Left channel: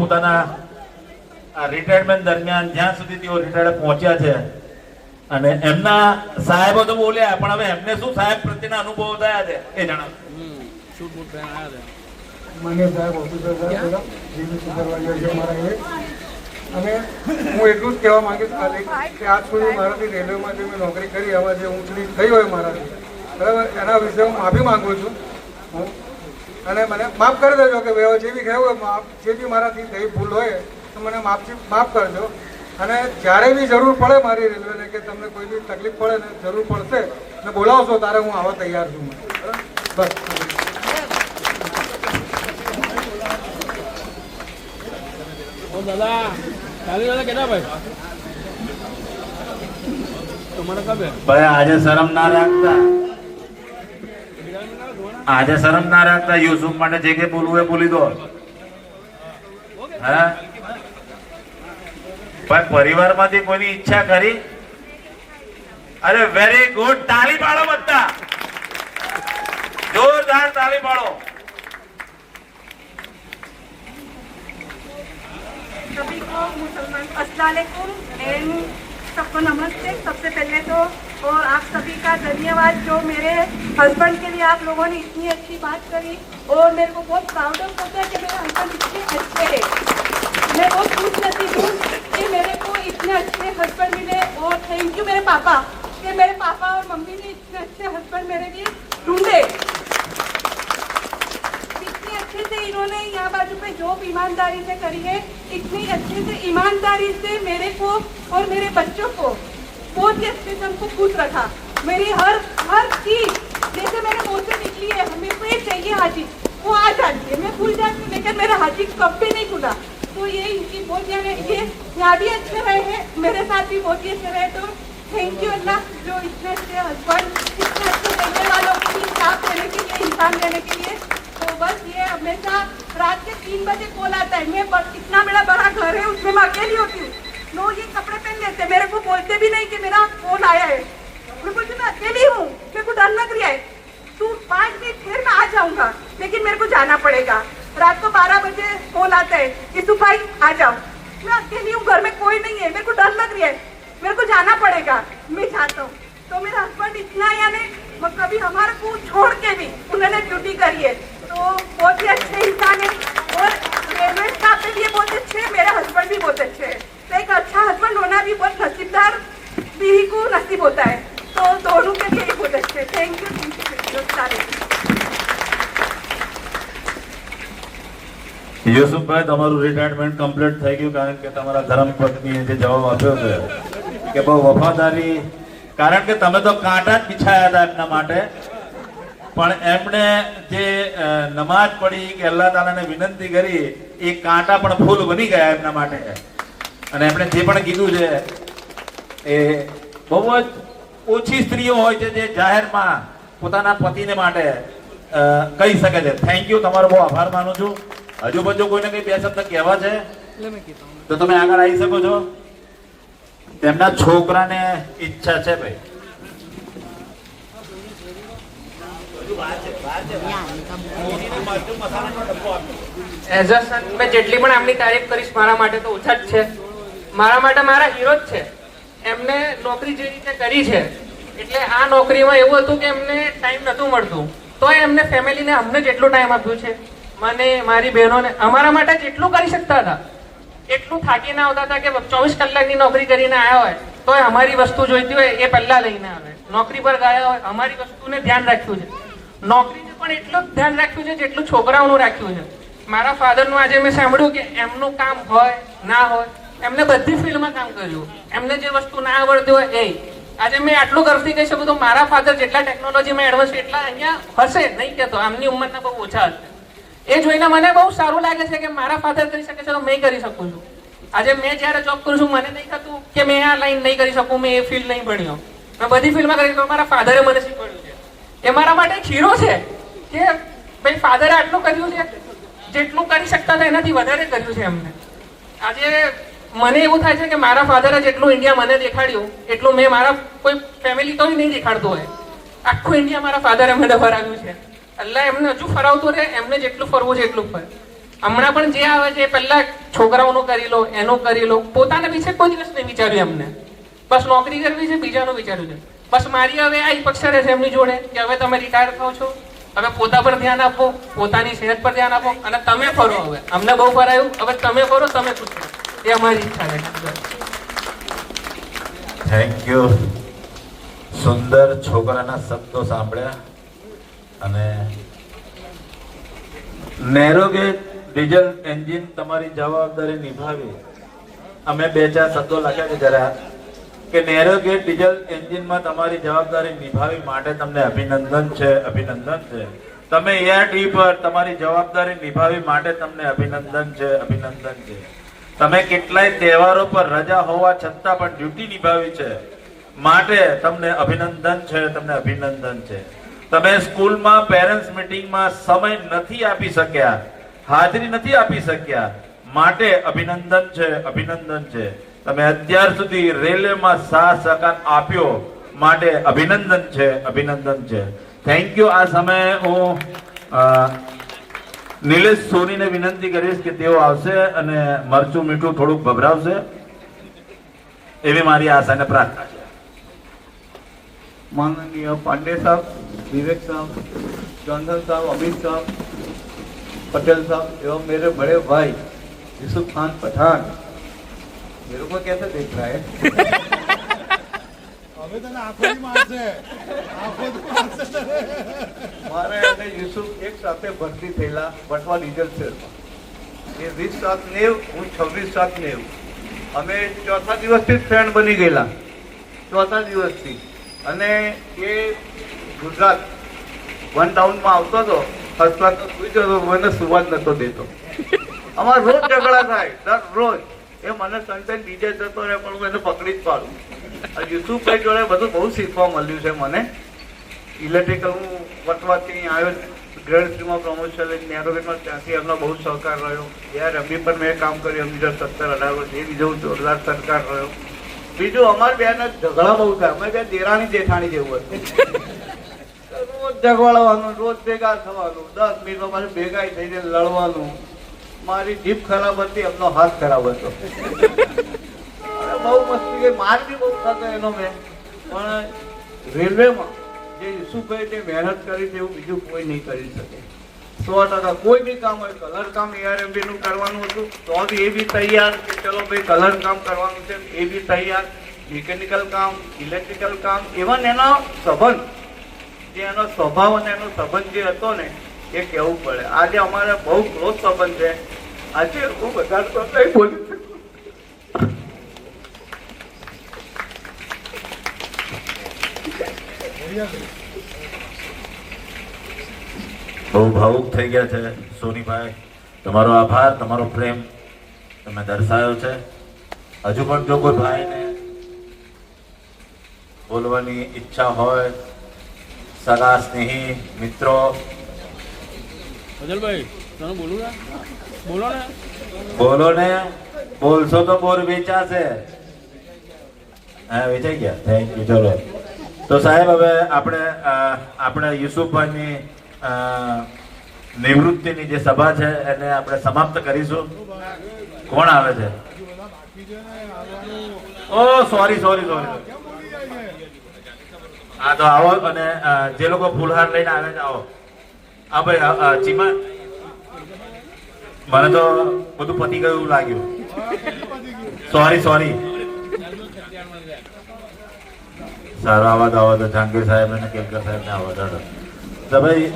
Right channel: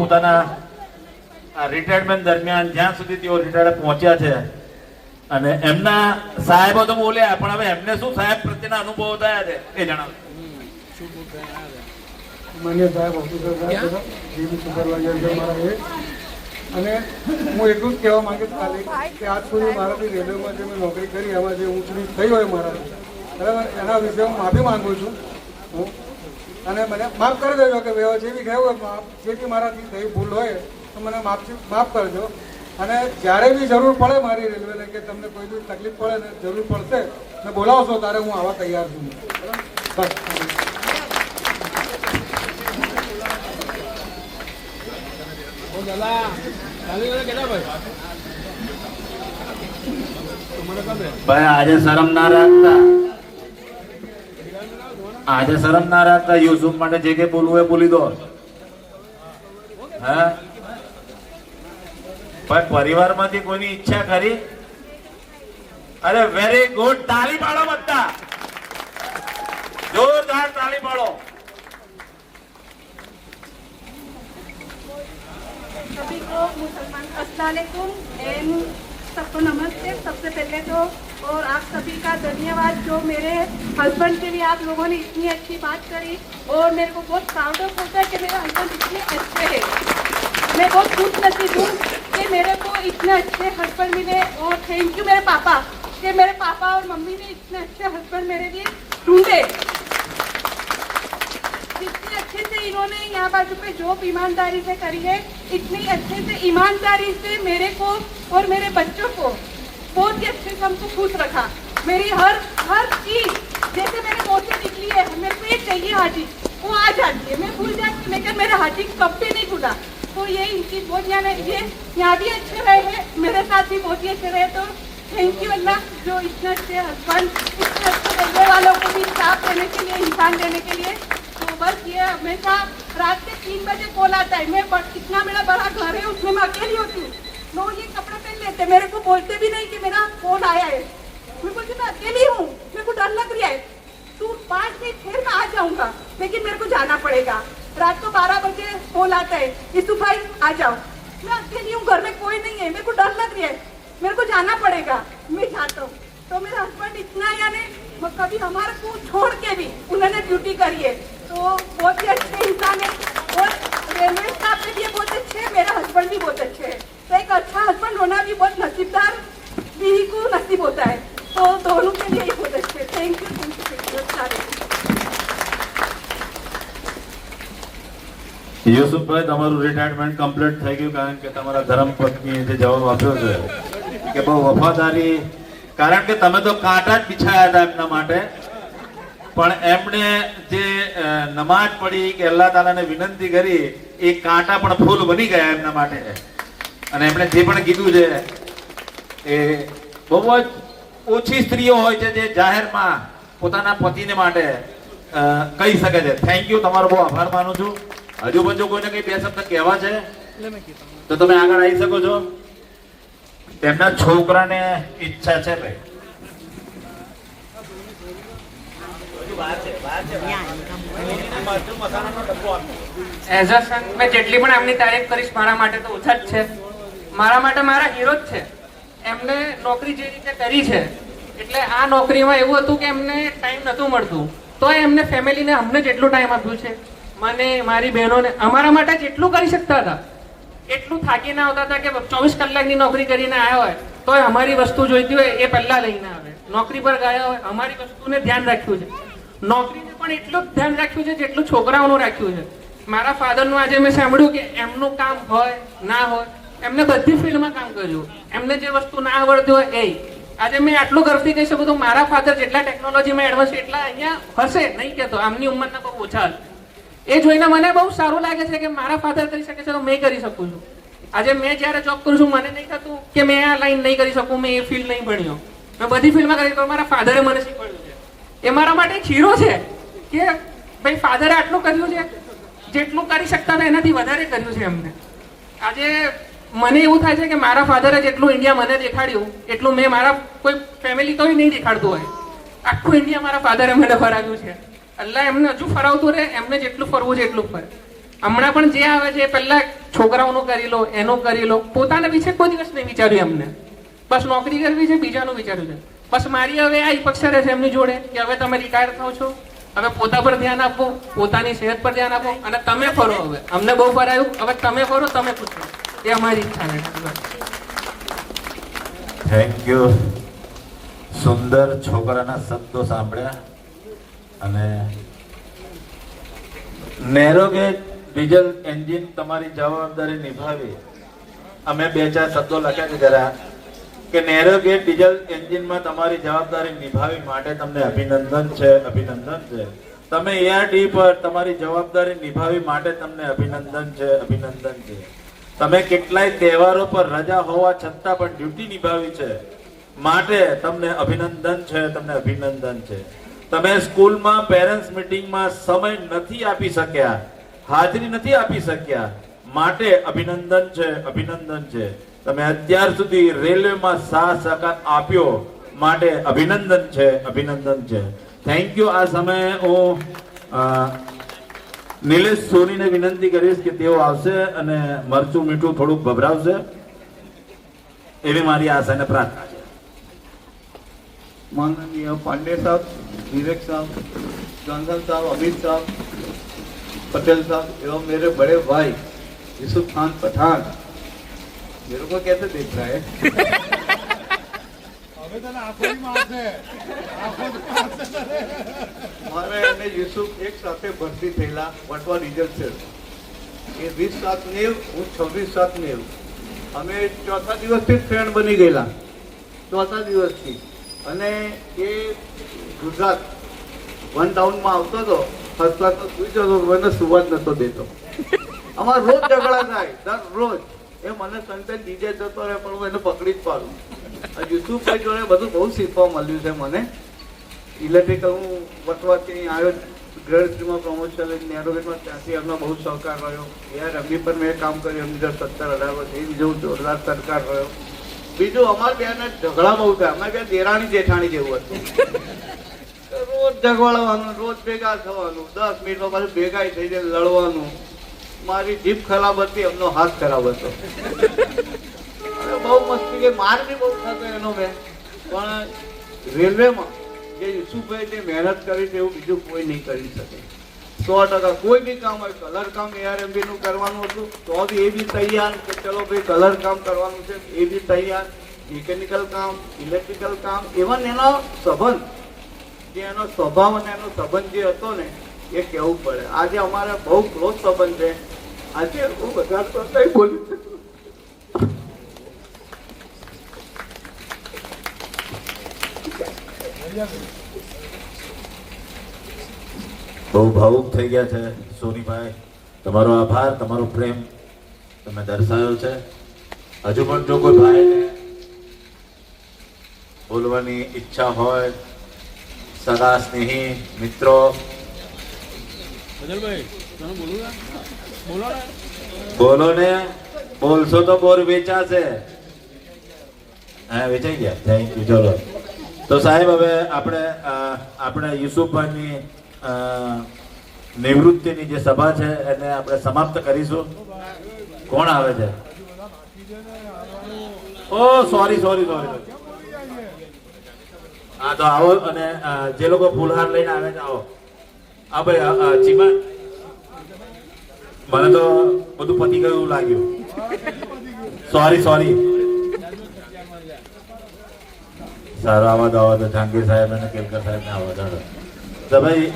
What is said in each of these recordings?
પોતાના રિટાયરમેન્ટ દરમિયાન જ્યાં સુધી તેઓ રિટાયર્ડ પહોંચ્યા છે અને એમના સાહેબો તો બોલ્યા, પણ હવે એમને શું સાહેબ પ્રત્યેના અનુભવો થયા છે એ જણાવો. માન્ય સાહેબ ઓફિસર સાહેબ જીબી સુપરવાઇઝર છે મારા એ, અને હું એટલું જ કહેવા માંગીશ કે આજ સુધી મારાથી રેલવેમાંથી મેં નોકરી કરી, હવે જે ઊંચડી થઈ હોય મારાથી, બરાબર, એના વિશે હું માફી માંગુ છું. અને મને માફ કરી દેજો કે જે બી થયું હોય, જે બી મારાથી થઈ ભૂલ હોય તો મને માફ કરજો. અને જ્યારે બી જરૂર પડે મારી રેલવેને કે તમને કોઈ બી તકલીફ પડે ને જરૂર પડશે ને બોલાવશો ત્યારે હું આવવા તૈયાર છું. બસ. ભાઈ આજે શરમ ના રાખતા, આજે શરમ ના રાખતા. યુસુફ માટે જે કે બોલવું એ બોલી દો. હે ભાઈ, પરિવારમાંથી કોઈની ઈચ્છા કરી? અરે વેરી ગુડ, તાળી પાડો બધા, જોરદાર તાળી પાડો. सभी को मुसलमान अस्सलाम वालेकुम एंड सबको नमस्ते. सबसे पहले तो और आप सभी का धन्यवाद जो मेरे हस्बैंड के लिए आप लोगों ने इतनी अच्छी बात करी और मेरे को बहुत प्राउड ऑफ होता है कि मेरे हस्बैंड इतने अच्छे हैं. मैं बहुत खुश नसीब हूँ कि मेरे को इतने अच्छे हस्बैंड मिले और थैंक यू मेरे पापा कि मेरे पापा और मम्मी ने इतने अच्छे हस्बैंड मेरे लिए ढूंढे. इतने अच्छे से इन्होंने यहाँ बाजू पे जॉब ईमानदारी से करी है, इतनी अच्छे से ईमानदारी से मेरे को और मेरे बच्चों को बहुत ही अच्छे से हमको खुश रखा. मेरी हर चीज जैसे मैंने पोस्टर निकली है, मेरे को ये चाहिए हाथी, वो आ जाती है, मैं भूल जाती हूँ, लेकिन मेरा हाथी कभी नहीं खुला. तो ये इनकी बहुत ये यहाँ भी अच्छे रहे हैं, मेरे साथ भी बहुत ही अच्छे रहे. तो थैंक यू अल्लाह जो इतने अच्छे हस्बैंड, इतने अच्छे करने वालों को भी इंसाफ देने के लिए, इंसान देने के लिए. तो बस ये हमेशा रात के 3 बजे कॉल आता है. मैं इतना बड़ा घर है उसमें मैं अकेली होती हूँ. लोग ये कपड़े पहन लेते, मेरे को बोलते भी नहीं कि मेरा फोन आया है. मैं बोलती मैं अकेली हूँ, मेरे को डर लग रहा है, तू 5 मिनट फिर मैं आ जाऊंगा, लेकिन मेरे को जाना पड़ेगा. रात को 12 बजे कॉल आता है, यूसुफ भाई आ जाओ. मैं अकेली हूँ, घर में कोई नहीं है, मेरे को डर लग रहा है, मेरे को जाना पड़ेगा, मैं जाता हूँ. तो मेरा हस्बैंड इतना यानी कभी हमारे को छोड़ के भी उन्होंने ड्यूटी करी है. तो बहुत ही अच्छे इंसान है और रेलवे स्टाफ पे भी ये बहुत अच्छे है, मेरे हस्बैंड भी बहुत अच्छे है. तो एक अच्छा हस्बैंड होना भी बहुत नसीबदार बीवी को नसीब होता है. तो दोनों के लिए बहुत अच्छे. थैंक यू सारे. યુસુફભાઈ, તમારું રિટાયરમેન્ટ કમ્પ્લીટ થઈ ગયું કારણ કે તમારા ધર્મપત્નીએ જે જવાબ આપ્યો છે કે બહુ વફાદારી, કારણ કે તમે તો કાંટા જ બિછાયા હતા એમના માટે, પણ એમણે જે નમાજ પડી કે અલ્લાહ તાલાને વિનંતી કરી એ કાંટા પણ ફૂલ બની ગયા એમના માટે. અને એમણે જે પણ કીધું છે એ બહુ જ ઓછી સ્ત્રીઓ હોય છે જે જાહેરમાં પોતાના પતિને માટે કહી શકે છે. થેન્ક યુ, તમારો બહુ આભાર માનું છું. હજુ બધું કોઈને કઈ બે શબ્દ કહેવા છે તો તમે આગળ આવી શકો છો. તેમના છોકરાને ઈચ્છા છે ભાઈ. એઝ અ સન મેં જેટલી પણ એમની તારીફ કરીશ મારા માટે તો ઓછા જ છે. મારા માટે મારા હીરો જ છે. એમને નોકરી જે રીતે કરી છે, એટલે આ નોકરીમાં એવું હતું કે એમને ટાઈમ નહોતું મળતું, તો એમને ફેમિલીને અમને જેટલું ટાઈમ આપ્યું છે, મને મારી બહેનોને, અમારા માટે જેટલું કરી શકતા હતા એટલું થાકીને આવતા હતા કે 24 કલાકની નોકરી કરીને આવ્યા હોય તો અમારી વસ્તુ જોઈતી હોય એ પહેલા લઈને આવે. નોકરી પર ગયા હોય અમારી વસ્તુને ધ્યાન રાખ્યું છે. નોકરીને પણ એટલું જ ધ્યાન રાખ્યું છે જેટલું છોકરાઓનું રાખ્યું છે. મારા ફાધરનું આજે મેં સાંભળ્યું કે એમનું કામ હોય ના હોય, એમને બધી ફિલ્ડમાં કામ કર્યું. એમને જે વસ્તુ ના આવડતી હોય એ આજે મેં આટલું ગર્વથી કહી શકું તો મારા ફાધર જેટલા ટેકનોલોજીમાં એડવાન્સ એટલા અહીંયા હશે નહીં કહેતો, આમની ઉંમરના બહુ ઓછા હશે. એ જોઈને મને બહુ સારું લાગે છે કે મારા ફાધર કરી શકે છે તો મેં કરી શકું છું. આજે મેં જ્યારે જોબ કરું છું મને નહીં થતું કે મેં આ લાઈન નહીં કરી શકું, મેં એ ફિલ્ડ નહીં ભણ્યો, મેં બધી ફિલ્ડમાં કરી. તો મારા ફાધરે મને શીખવાડ્યું છે. એ મારા માટે એક હીરો છે કે ભાઈ ફાધરે આટલું કર્યું છે, જેટલું કરી શકતા હતા એનાથી વધારે કર્યું છે એમને. આજે મને એવું થાય છે કે મારા ફાધરે જેટલું ઇન્ડિયા મને દેખાડ્યું એટલું મેં મારા કોઈ ફેમિલી તો નહીં દેખાડતું હોય. આખું ઇન્ડિયા મારા ફાધરે મને ફરાવ્યું છે. અલ્લાહ એમને હજુ ફરાવતું રહે, એમને જેટલું ફરવું છે એટલું ફરે. હમણાં પણ જે આવે છે પહેલા છોકરાઓનું કરી લો, એનું કરી લો, પોતાના વિશે કોઈ દિવસ નહીં વિચાર્યું એમને. બસ નોકરી કરવી છે, બીજાનું વિચાર્યું છે. બસ મારી હવે આ અપેક્ષા રહે છે એમની જોડે કે હવે તમે રિટાયર થાવ છો, હવે પોતા પર ધ્યાન આપો, પોતાની સેહત પર ધ્યાન આપો અને તમે ફરો. હવે અમને બહુ ફરાયું, હવે તમે ફરો, તમે ખુશ રહો, એ અમારી ઈચ્છા છે. Thank you. સુંદર છોકરાના શબ્દો સાંભળ્યા અને નેરોગેજ ડીઝલ એન્જિન તમારી જવાબદારી નિભાવી. અમે 2-4 શબ્દો લખ્યા છે જરા કે નેરોગેજ ડીઝલ એન્જિનમાં તમારી જવાબદારી નિભાવી માટે તમને અભિનંદન છે, અભિનંદન છે. તમે એઆરડી પર તમારી જવાબદારી નિભાવી માટે તમને અભિનંદન છે, અભિનંદન છે. તમે કેટલાય તહેવારો પર રજા હોવા છતાં પણ ડ્યુટી નિભાવી છે માટે તમને અભિનંદન છે, તમને અભિનંદન છે. તમે સ્કૂલમાં પેરેન્ટ્સ મીટિંગમાં સમય નથી આપી શક્યા, હાજરી નથી આપી શક્યા માટે અભિનંદન છે, અભિનંદન છે. તમે અત્યાર સુધી રેલવેમાં સાથ સહકાર આપ્યો માટે અભિનંદન છે, અભિનંદન છે. Thank you. આ સમયે હું નિલેશ સોનીને વિનંતી કરીશ કે તેઓ આવશે અને મરચું મીઠું થોડુંક ભભરાવશે એવી મારી આશા અને પ્રાર્થના છે. माननीय पांडे साहब, विवेक साहब, जॉनसन साहब, अमित साहब, पटेल साहब एवं मेरे बड़े भाई यूसुफ खान पठान, मेरे को कैसे देख रहा है? મારે અને યુસુફ એક સાથે ભરતી થયેલા વટવા ડીઝલ શેડમાં. એ 20/7/90, હું 26/7/90. અમે ચોથા દિવસથી જ ફ્રેન્ડ બની ગયેલા, ચોથા દિવસથી. અને એ ગુજરાત વન ટાઉનમાં આવતો હતો, ફર્સ્ટ ક્લાસ તો સુઈ જતો, મને સુવા જ નતો દેતો. અમારે રોજ ઝઘડા થાય, દરરોજ. એ મને સન્ડે ડીજે જતો રહે પણ હું એને પકડી જ પાડું. યુસુફભાઈ જોડે બધું બહુ શીખવા મળ્યું છે મને. ઇલેક્ટ્રિકલ હું વટવાથી આવ્યો, ગ્રેડ 3માં પ્રમોશન લઈને નેરોગેજમાં, ત્યાંથી એમનો બહુ સહકાર રહ્યો. યાર એમની પર મેં કામ કર્યું, એમની 17-18 વર્ષ, એ બીજો જોરદાર સરકાર રહ્યો. બીજું અમારે બેન ઝઘડા બહુ થાય, અમે બે દેરાણી જેઠાણી જેવું હતું. રોજ ઝઘડાવાનું, રોજ ભેગા થવાનું, 10 મિનિટમાં પાછું ભેગા થઈ જાય, લડવાનું. મારી જીભ ખરાબ હતી, એમનો હાથ ખરાબ હતો. બહુ મસ્તી ગઈ, માર બી બહુ થતો એનો મેં. પણ રેલવેમાં જે યુસુફભાઈ જે મહેનત કરી છે એવું બીજું કોઈ નહીં કરી શકે. 100% કોઈ બી કામ હોય, કલર કામ ARMB નું કરવાનું હતું તો બી એ બી તૈયાર કે ચલો ભાઈ કલર કામ કરવાનું છે, એ બી તૈયાર. મિકેનિકલ કામ, ઇલેક્ટ્રિકલ કામ, એવન એનો સંબંધ, જે એનો સ્વભાવ અને એનો સંબંધ જે હતો ને એ કહેવું પડે. આજે અમારે બહુ ક્લોઝ સંબંધ છે. આજે હું બધા તો કઈ બોલી શકું. બહુ ભાવુક થઈ ગયા છે સોનીભાઈ. તમારો આભાર, તમારો પ્રેમ તમે દર્શાવ્યો છે. હજુ પણ જો કોઈ ભાઈને બોલવાની ઈચ્છા હોય, સગા સ્નેહી મિત્રો, બોલો ને. બોલશો તો બોર વેચાશે. હા, વેચાઈ ગયા. Thank you. ચલો તો સાહેબ, હવે આપણે યુસુફભાઈની નિવૃત્તિની જે સભા છે એને આપણે સમાપ્ત કરીશું. કોણ આવે છે? ઓ સોરી. હા તો આવો, અને જે લોકો ફૂલહાર લઈને આવે છે આવો. હા ભાઈ, ચીમા, મને તો બધું પતી ગયું લાગ્યું. સોરી. સારો આવાજ જહાંગીર સાહેબ અને કેલકર સાહેબ ને આવાજ. તો ભાઈ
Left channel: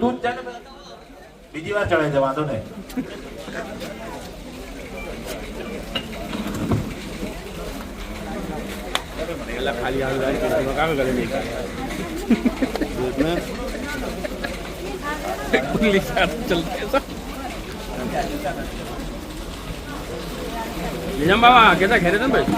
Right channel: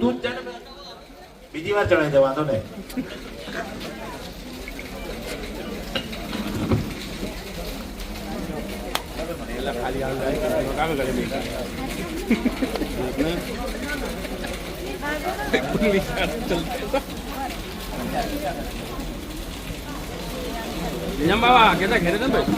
તું જ જાણે, બીજી વાર ચડે છે, વાંધો નહીં. નિજામ બાબા કેતા ઘેરે છે ભાઈ.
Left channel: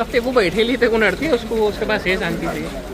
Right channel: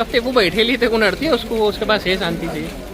अब वो बैठे ली थे, को नड़ती है उसको, उसके पास है शांति से.